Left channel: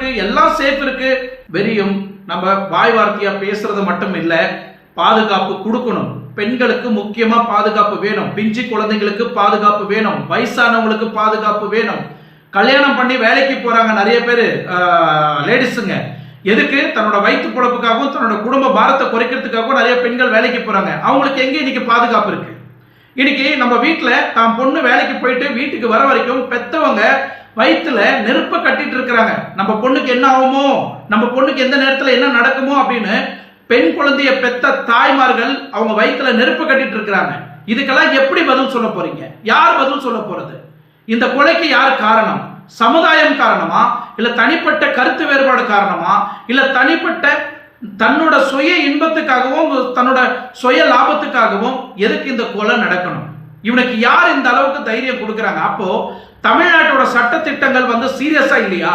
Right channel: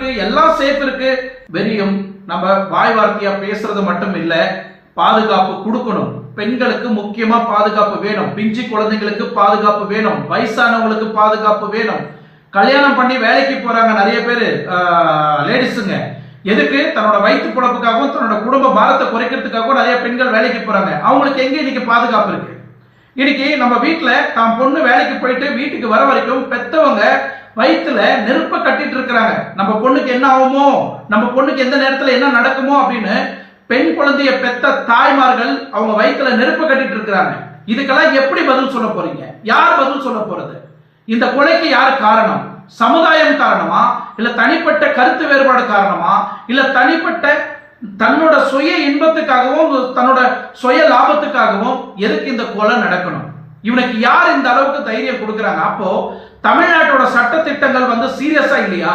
இருக்கு, எல்லாம் சேஃப் இருக்கு. வெறியும் நம்ம வாய் வார்த்தையா பேசுறது மட்டும் இல்ல, பாதுகாப்பு கொடுக்கணும். பெண்களுக்கு முக்கியமா பாதுகாப்பு வேணும், பிஞ்சு குழந்தைங்களுக்கு பாதுகாப்பு வேணும், வயசானவங்களுக்கு பாதுகாப்பு வேணும். கல்யாணம் பண்ணி வேலைக்கு போறாங்க நிறைய பேர் லேடிஸுங்க. எதுக்கு? தன்னோட வயிற்று பொழப்புக்காகவும் தன்னோட குடும்ப பாரத்தை குறைக்கிறதுக்காகவும் நிறைய பெண்கள் வேலைக்கு போறாங்க. அவங்களுக்கு எங்க இன்னைக்கு பாதுகாப்பு இருக்கு? இன்னைக்கு நம்ம வீட்டுல தான் பொண்ணு வேலைக்கு போயிட்டு வீட்டுக்கு வர வரைக்கும் பெத்தவங்க வயிற்றுல நெருப்ப கட்டிட்டு இருக்கிறாங்க. நம்ம பொண்ணுக்கு என்ன ஆகுமோ, நம்ம பொண்ணுக்கு எந்த நேரத்துல என்ன நடக்குமோ அப்படின்னு பெண் குழந்தைய பெத்த தாய்மார்கள் அவங்க வயிற்றுல நெருப்ப கட்டிட்டு இருக்கிறாங்க. இதுக்கெல்லாம் எப்படி பதில் சொல்ல போறீங்க? யார் பதில் சொல்ல போறது? இந்த கொலைக்கு யார் காரணம்? சமுதாயம் காரணமா, இல்ல தனிப்பட்ட கருத்து வேறுபாடு காரணமா, இல்ல தனிப்பட்ட தன்னோட சுய இன்பத்துக்காகவும் தன்னோட சுய லாபத்துக்காகவும் எதுக்கு இந்த கொலை நடக்கணும்? இவனுக்கு யார் இந்த அளவுக்கு தைரியம் கொடுக்கறாங்க? அப்போ தமிழ்நாட்டோட சட்ட திட்டங்கள் சீரியஸா இல்லையா?